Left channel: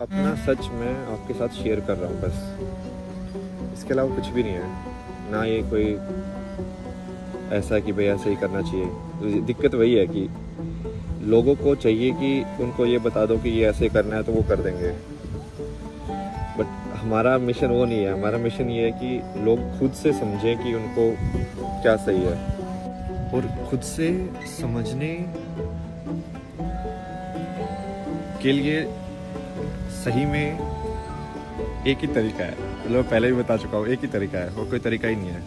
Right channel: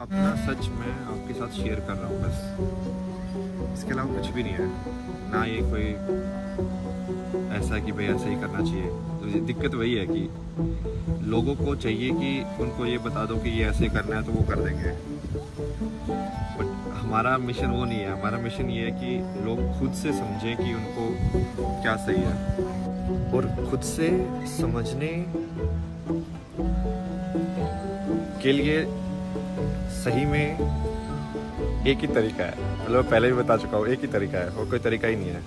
अपना सच मैं आपके साथ शेयर कर रहा हूँ बस, इसके अलावा कुछ भी नहीं है। ना ये कोई ऐसा कि भाई ऐसे ही करना चाहिए। तो दिक्कत वही है कि लोगों को चाहिए कि उनको ये बता दो कि ये ऐसे करना है तो वो कर देंगे, बट हमारा मिशन वो नहीं है। हमारा मिशन ये है कि लोग खुद से समझें कि उनको क्या सही है, और खुद से समझने के लिए सही में एक ही तरीका है। मतलब पहले भी बता चुका हूँ, एक ही तरीका है और कोई तरीका ही नहीं है।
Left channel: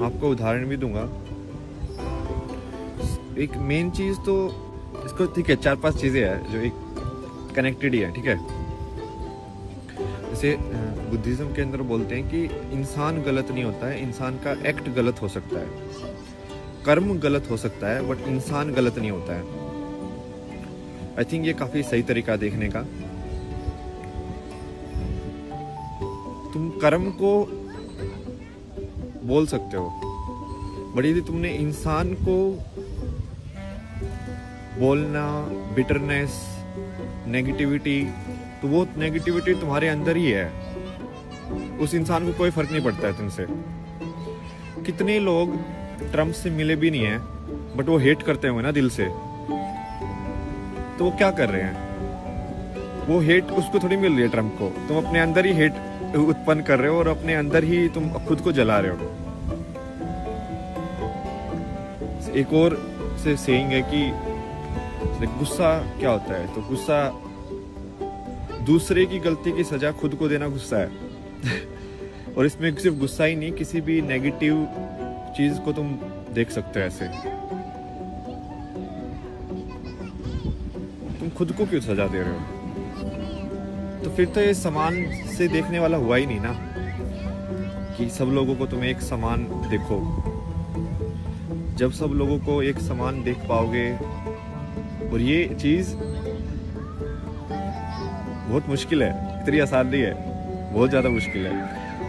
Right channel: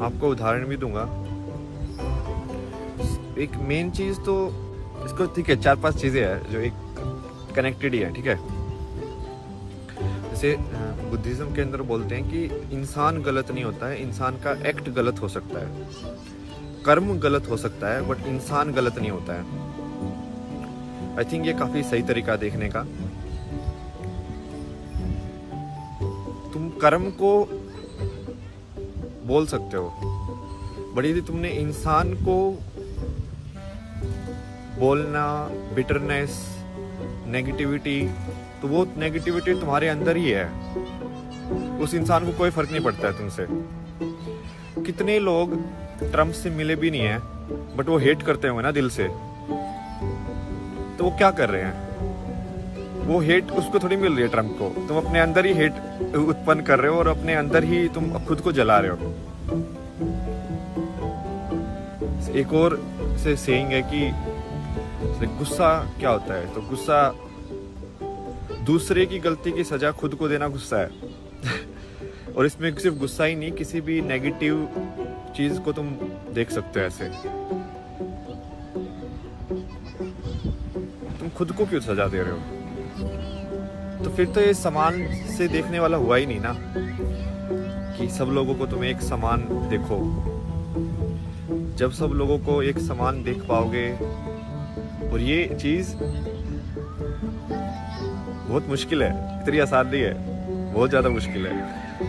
आपको उदाहरण भी दूंगा। एक मेन चीज तो इसको, ठीक है, 4-5 चीजें हैं जो एक कनेक्टेड ही है, ठीक है। जैसे बुद्धिज्म के अंदर बोलते हैं कि इंसान गलत नहीं होता है, इंसान का एक्ट गलत हो सकता है, कर्म गलत हो सकता है, बट इंसान गलत नहीं होता है। आई थिंक ये काफी सही तरीका देखने का। तुम कर्म को बोल सकते हो, बट यदि तुमने इंसान को बोलना, बिटरनेस, नेगेटिविटी, तो वो नेगेटिविटी तुम्हारे अंदर ही है। उस इंसान को कोई फर्क नहीं पड़ता है तुमसे। कितने लोग ट्रम्प से मिले भी नहीं है, बट वो हेट करते होंगे ना दिल से, तो वो क्या कर रहे हैं? वो हेट उसको थोड़ी मिल रही है ट्रम्प को, तुम अपने अंदर ही हेट उत्पन्न कर रहे हो और अपने अंदर ही तुम खुद को जला रहे हो। एक और से सेइंग है कि गुस्सा क्या होता है, तो गुस्सा दूसरे की गलती की सजा खुद को देना गुस्सा है। और इसमें सिर्फ गुस्सा ही नहीं, किसी भी नेगेटिव चीज को तुम देख सकते हो ऐसे। तुम खुद को क्यों सजा दे रहे हो? तो फिर तो ये समान से देखने वाला हुआ ही नहीं ना, कि सब लोगों को तुम एक समान देखो। जब सब लोगों को एक समान देख पाओगे, और ये चीज बहुत मुश्किल है, इतनी आसान नहीं है, बहुत ज्यादा मुश्किल है,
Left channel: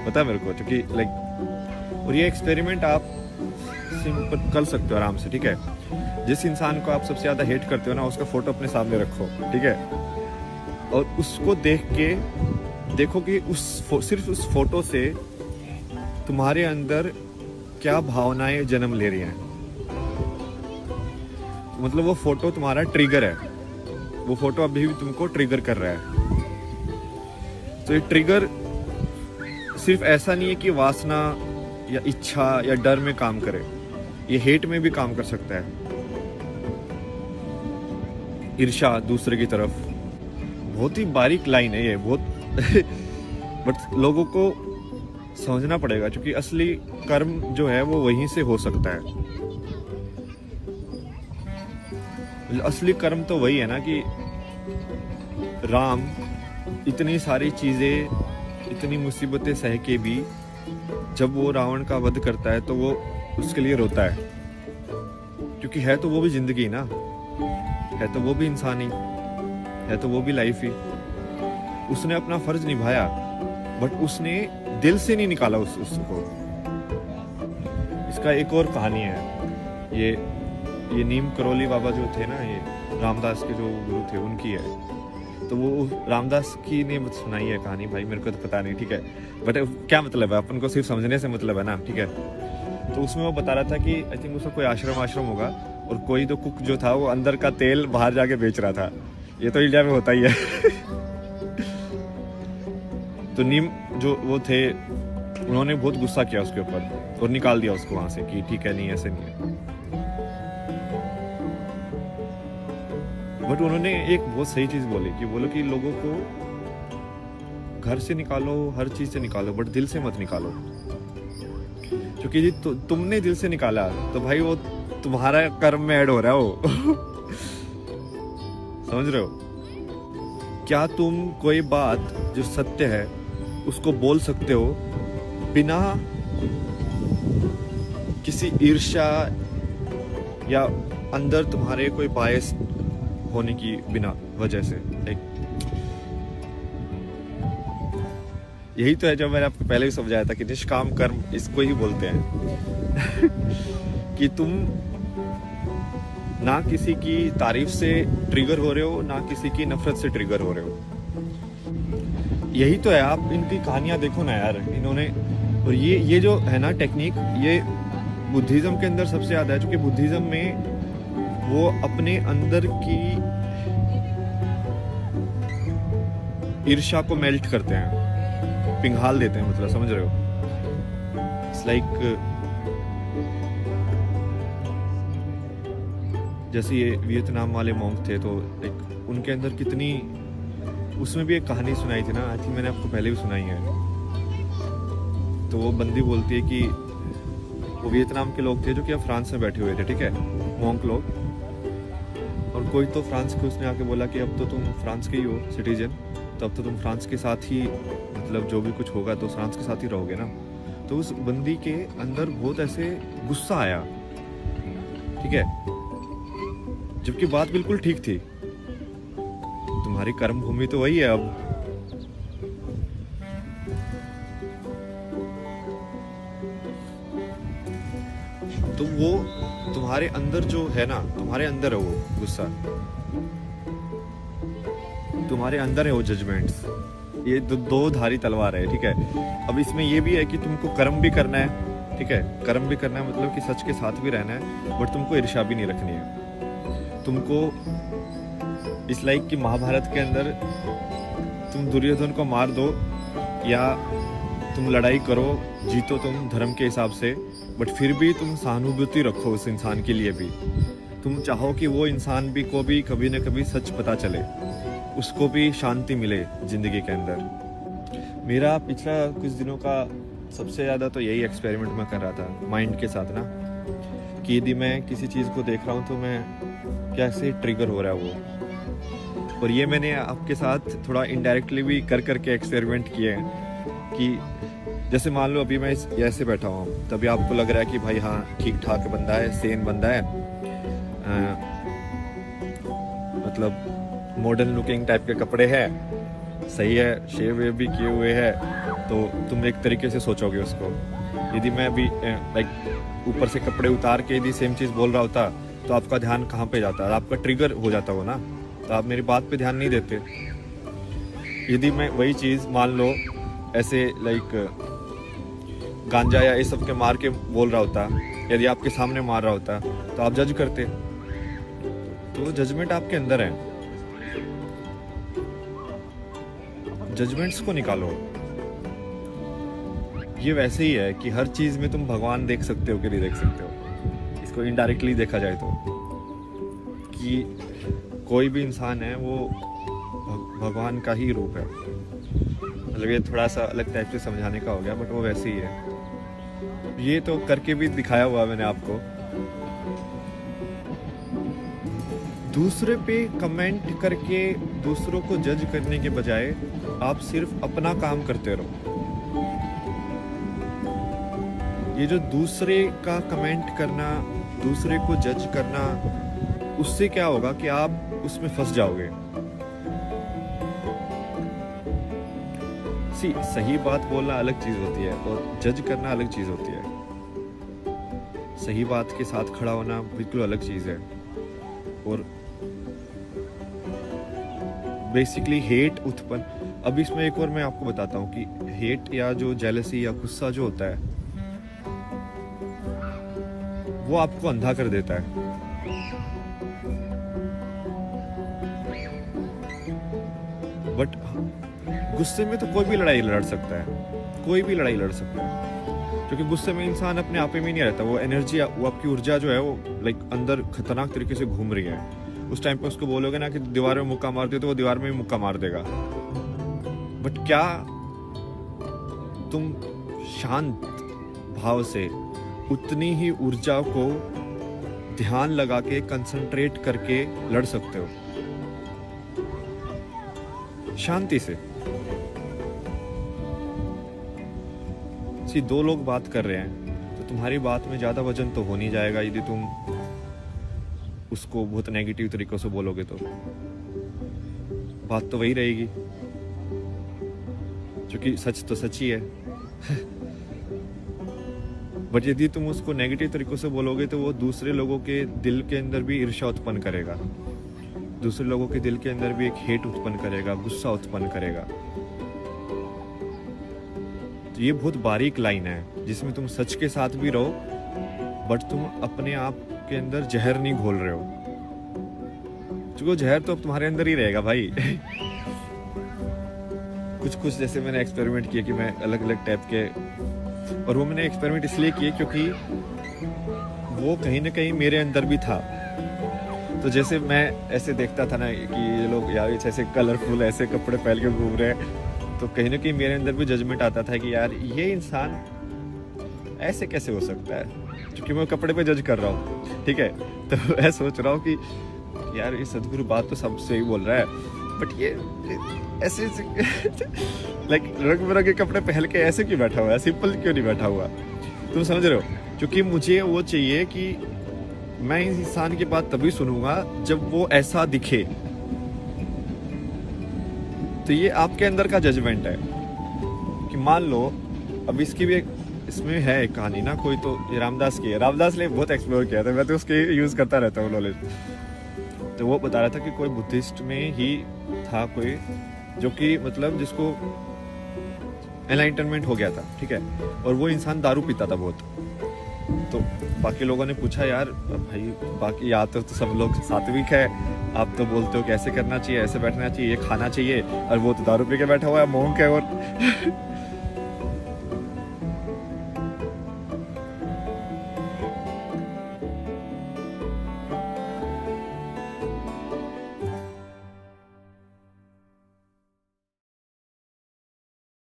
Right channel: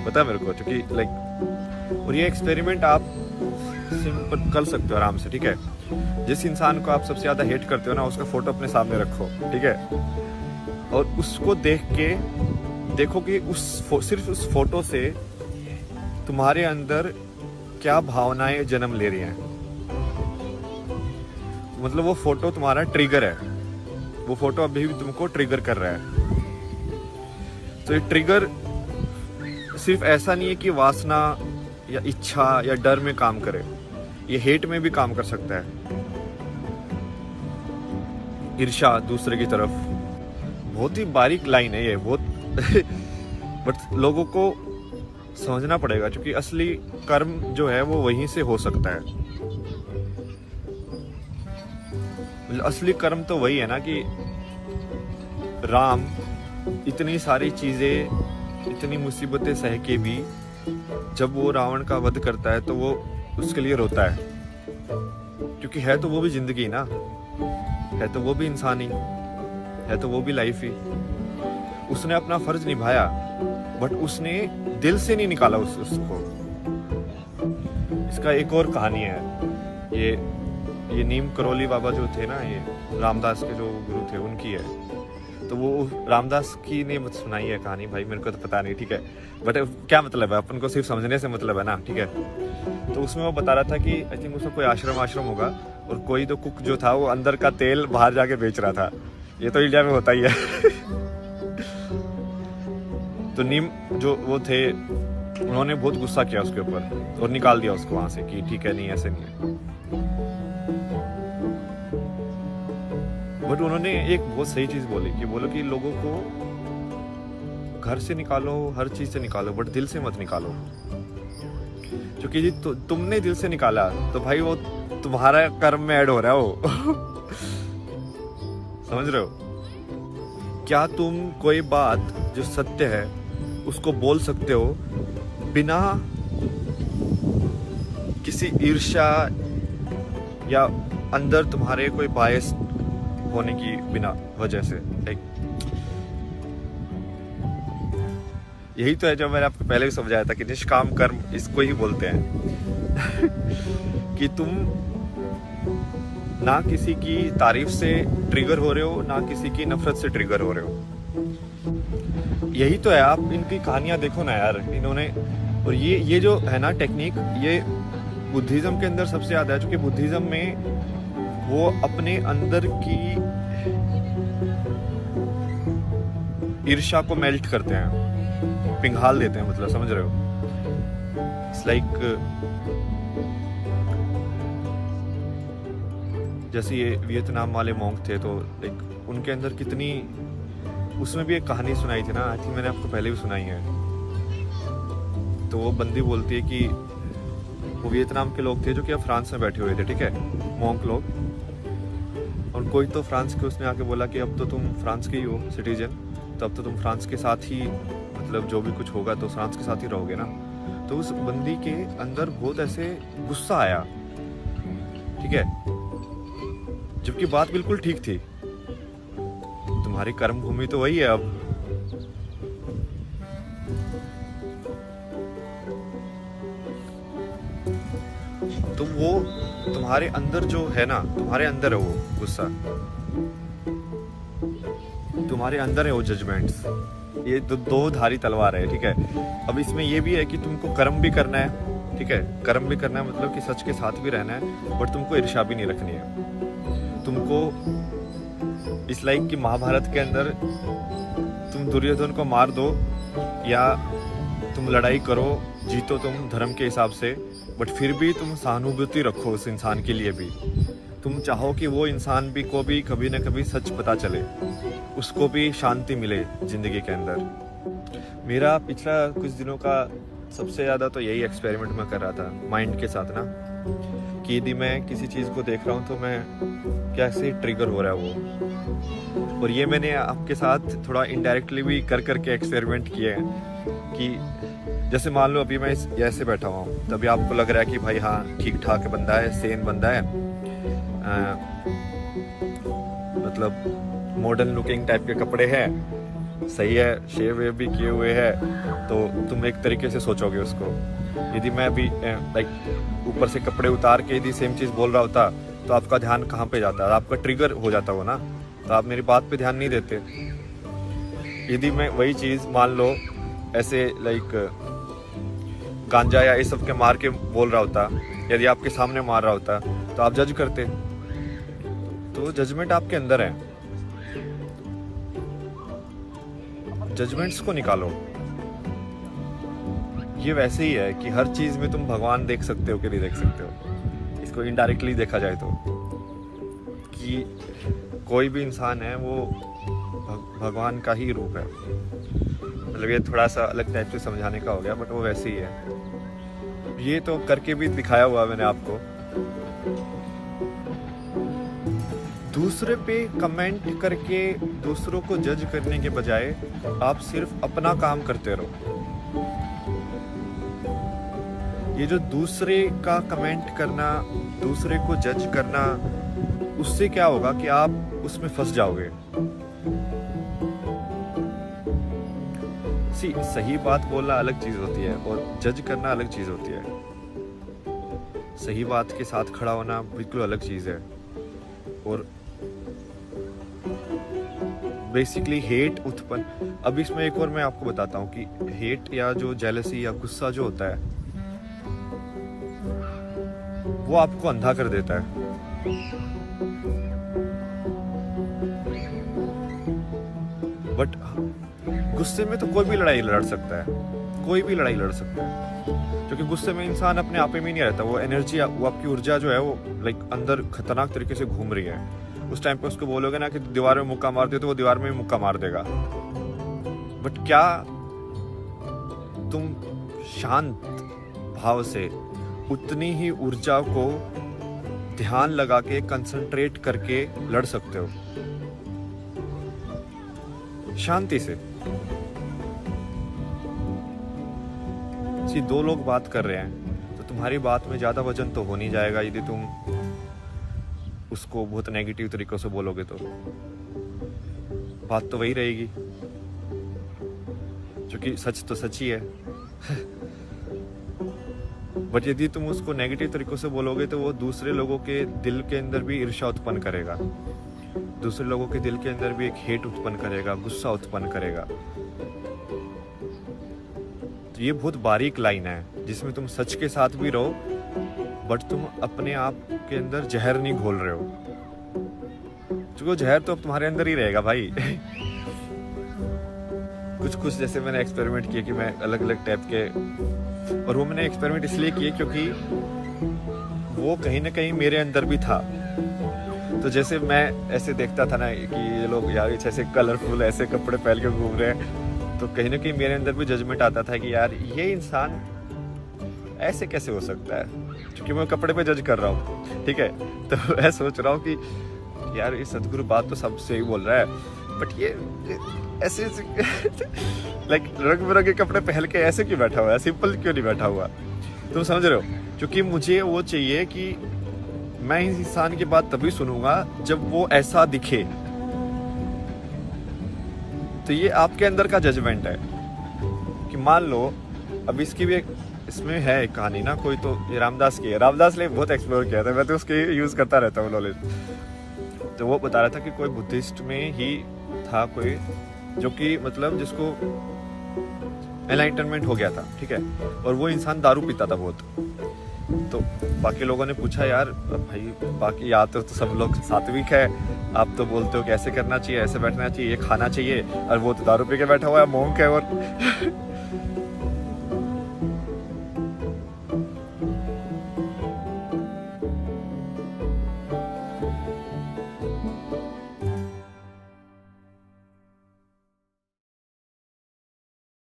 पता है मेरे को, क्योंकि लाइक, और ये एक्सपेरिमेंट आप सिंपल कर सकते हो आराम से, ठीक है। जिस इंसान को आप सबसे ज्यादा हेट करते हो ना, उसका फोटो अपने सामने रखो, ठीक है, और उसको देख के देखो कि सिर्फ उस फोटो से तुम्हारे अंदर क्या भावनाएं जन्म ले रही हैं। मतलब वो फोटो तुम्हारा ट्रिगर है, वो फोटो अभी भी तुमको ट्रिगर कर रहा है। तो ये ट्रिगर सिर्फ ऐसा नहीं है कि वासना या इच्छा या डर में काम करे, ये हेट में भी काम कर सकता है। ईर्ष्या दूसरे की तरफ, बहुत ही बारीक लाइन है ये, बहुत बट लोगों को समझना पड़ेगा, क्योंकि असली कर्म जो है वो वहीं से हो सकता है। असली कर्म तो वही है ना कि राम इतनी सारी चीजें, इतनी मुसीबतें सह के भी जब वो रावण का वध करता है तो वो उसके लिए रोता है, क्योंकि है तो वो भी जिंदगी ना, है तो वो भी इंसान ही, है तो वो भी लाइफ ही। उसने अपना फर्ज निभाया, बट उसने दिल से नहीं निकाला उसको। इसका एक और कहानी है, ये नीम करोली बाबा जो थे ना, ये रामदास के जो गुरु थे, उनकी है। तो वो रामदास की ने सुनाई है कहानी, भाई मेरे को तो पता नहीं, ठीक है, बट क्या मतलब है, अपन को सिर्फ समझने से मतलब है ना, ठीक है। तो उसमें वो बता रहा था कि आई थिंक उसका कोई आश्रम होगा, और कोई तो कुक जो था वो अंदर का तेल बाहर जाके बेच रहा था। ये तो इंडिया में होता ही है। तो नीम जो वो थे, उन्होंने बहुत गुस्सा किया उसके ऊपर और निकाल दिया उसको वहां से कि ठीक है, नहीं ऐसे नहीं है। बट उन्होंने एक बहुत सही चीज बोली कि बोलो कि लोगों को घर से निकालो, हर चीज से निकालो, बट दिल से मत निकालो। क्योंकि जी तुमने दिल से निकाला तो भाई वो तुम्हारा कर्म में ऐड हो रहा है वो। समझ रहे हो? क्या तुम कोई बात जो सत्य है उसको बोल सकते हो बिना किसी ईर्ष्या या अंदर तुम्हारे कोई बायस होने की बिना वजह से? यही तो है जो मैंने आपको पहले भी समझाया था कि निष्काम कर्म इसको ही बोलते हैं। कि तुम ना किसी की तारीफ से ट्रिगर हो रहे हो, ना किसी की नफरत से ट्रिगर हो रहे हो। यही तो है। आप इनकी कहानियां देखो ना यार, इन्होंने, और ये जो है ना टेक्निक, ये बुद्धिज्म के अंदर सबसे ज्यादा है, क्योंकि बुद्धिज्म में वो अपने अंदर की ईर्ष्या को मेल्ट करते हैं, पिघाल देते हैं, मतलब समझ रहे हो। इट्स लाइक जैसे ये वियतनाम वाले मॉन्क थे, तो लाइक उनके अंदर कितनी, उसमें भी एक कहानी सुनाई थी ना, आई थिंक मैंने आपको पहले भी सुनाई है। तो वो बंदी बोलती है कि वो वियतनाम के लोग थे जो कि अब फ्रांस में बैठे हुए थे, ठीक है, मॉन्क लोग। और कोई तो फ्रांस के, उसने आके बोला कि अब तो तुम फ्रांस के ही हो सिटीजन, तो अब तो तुम फ्रांस के साथ ही, मतलब जो भी कुछ होगा तो फ्रांस के साथ ही रहोगे ना। तो उस बंदी के अंदर बहुत ऐसे गुस्सा आया, ठीक है, जबकि बात बिल्कुल ठीक थी। तुम्हारी कर्म भूमि तो वही है अब। तो वो तुम्हारे अंदर जो है ना, तुम्हारे अंदर है वो गुस्सा, तुम्हारे अंदर है वो जजमेंट्स। ये दो धारी तलवार है, ठीक है। अब इसमें ये भी है कि तुमको कर्म भी करना है, ठीक है, कर्म भी करना है, मतलब कि सच के साथ भी रहना है, बट तुमको ईर्ष्या भी नहीं रखनी है। तुमको इस लाइक कि महाभारत के अंदर तुम दुर्योधन को मार दो या तुम लड़ाई करो, जीतो तुम धर्म के हिसाब से, बट फिर भी तुम सहानुभूति रखो उस इंसान के लिए भी। तुम चाहो कि वो इंसान भी को भी कभी न कभी सच पता चले, उसको भी शांति मिले जिंदगी के अंदर। मेरा पिछला कुछ दिनों का सबसे ज़्यादा तो यही एक्सपेरिमेंट मैं कर रहा था माइंड के साथ ना, कि यदि मैं किसी चीज़ को देख रहा हूँ तो मैं कैसे ट्रिगर हो रहा है वो। और ये मैंने आपके साथ थोड़ा इनडायरेक्टली भी कर करके एक्सपेरिमेंट किए हैं कि जैसे मान लो अभी मैं ऐसे बैठा हुआ हूँ, तभी आपको लग रहा है कि भाई हाँ ठीक ठाक बंदा है, सेन बंदा है, मतलब मॉडर्न लुकिंग टाइप के कपड़े हैं, सही है, शेव वेव भी किए हुए हैं, तो तुम एक तरीके से सोचोगे उसको। यदि मैं अभी लाइक ऊपर से कपड़े उतार के यदि सेम चीज़ बोल रहा होता तो आपका ध्यान कहाँ पे जाता, आपका ट्रिगर हो जाता हो ना, तो आप मेरी बात पे ध्यान नहीं देते। यदि मैं वही चीज़ मान लो ऐसे लाइक गांजा या ये सब के मार के बोल रहा होता, यदि आपके सामने मार रहा होता तो आप जज करते। तो जजमेंट आपके अंदर है, जजमेंट्स को निकालो। ये वैसे ही है कि हर चीज में तुम भगवान देख सकते हो कि नहीं देख सकते हो, इसको इनडायरेक्टली देखा जाए तो, कि कोई भी इंसान है वो भगवान का ही रूप है। मतलब ये थोड़ा सा अलग टाइप से समझाने का हो गया, बट वो वैसे ही है। ये तो करके भी दिखाया हुआ मैंने आपको। दूसरे पे कमेंट करके दूसरों को जज करने के बजाय आप सिर्फ अपना काम करते रहो। ये जो दूसरे का कमेंट करना, दूसरे को जज करना, उससे क्या होगा कि आप उसमें फंस जाओगे। सही बात बोलना अलग चीज होती है और जज करना अलग चीज होती है। सही बात के साथ खड़ा होना बिल्कुल अलग चीज है। और बेसिकली हेट उत्पन्न, अब इसमें एक और मैं आपको बताता हूँ कि हेट या जो जेलसी या गुस्सा जो होता है वो आपको अंधा कर देता है। बट गुस्से में तो कोई भी लड़ाई लड़ सकता है, कोई भी लड़ाई लड़ सकता है, क्योंकि गुस्से में इंसान अपने आप में नहीं रहता। वो एनर्जी, वो आपकी ऊर्जा जो है वो लाइक अंदर खतरनाक तरीके से घूम रही है। उस टाइम पे उसको बोलोगे ना कि दीवार में मुक्का मार दे, तो वो दीवार में मुक्का मार देगा। बट क्या तुम शांत भाव से उतनी ही ऊर्जा को ध्यान लगा के कंसंट्रेट करके लड़ सकते हो शांति से? दो लोग बात कर रहे हैं तो तुम्हारी बात में ज्यादा वजन तो हो नहीं जाएगा यदि तुम उसको बहुत नेगेटिव तरीकों से बोलोगे, तो बात तो वही रहेगी, क्योंकि सच तो सच ही है। बट यदि तुम उसको नेगेटिव तरीकों से बोलोगे तो वो दूसरे लोगों के दिल के अंदर भी ईर्ष्या उत्पन्न करेगा, दूसरे लोगों के दिल के अंदर भी एक हेट उत्पन्न करेगा, गुस्सा उत्पन्न करेगा। तो ये बहुत बारीक लाइन है जिसमें तुम सच के साथ भी रहो बट तुम अपने आप के अंदर जहर नहीं घोल रहे हो, क्योंकि वो जहर तो अब तुम्हारे अंदर ही रहेगा भाई। कुछ जैसे मैंने एक्सपेरिमेंट किए कि मैं अलग अलग टाइप के, और वो मैंने एक्सपेरिमेंट इसलिए किए क्योंकि वो कहीं ना कहीं मेरे अंदर भी था। तो जैसे मैं ऐसे देखता था ना कि ये लोग यार ऐसे कलरफुल ऐसे कपड़े पहन के घूम रहे हैं, तो कहीं ना कहीं मेरे अंदर भी जजमेंट आता था कि यार ये इंसान ऐसे कैसे हो सकता है, क्योंकि मैं कपड़े पे जज कर रहा हूँ, ठीक है। तो मैं सोच रहा हूँ कि यार ये सदगुरु बात तो सब सही बोल रहा है, बट ये ऐसे लाइक रंग बिरंगे कपड़े पहन के ऐसे क्यों बैठा हुआ है, सिंपल क्यों नहीं बैठा हुआ। तुम समझ रहे हो, क्योंकि मुझे वो चाहिए कि मैं इस इंसान की बात तभी सुनूंगा जब वो ऐसा दिखे। तो ये आपके अंदर का जजमेंट है कि मान लो अब इसकी भी एक इसमें है एक कहानी ना, कोई तो ये रामदास की है, रामदास ने बहुत एक्सप्लोर किया था, मैं तो उसके यूज करता रहता हूँ नॉलेज। तो वो बता रहा था कि कोई बुद्धिस्ट में ही था कोई जो कि मतलब जिसको एनलाइटनमेंट हो गया था, ठीक है, और वो इंसान दारू पीता था बहुत। तो बाकी लोगों ने पूछा यार भाई बाकी यहाँ तो सब लोग सात्विक है, आप तो बोलते हो कि ऐसे करना चाहिए, ऐसे बैठना चाहिए, ये खाना चाहिए, और वो तो दारू पी के बैठा हुआ है, मोंक है। और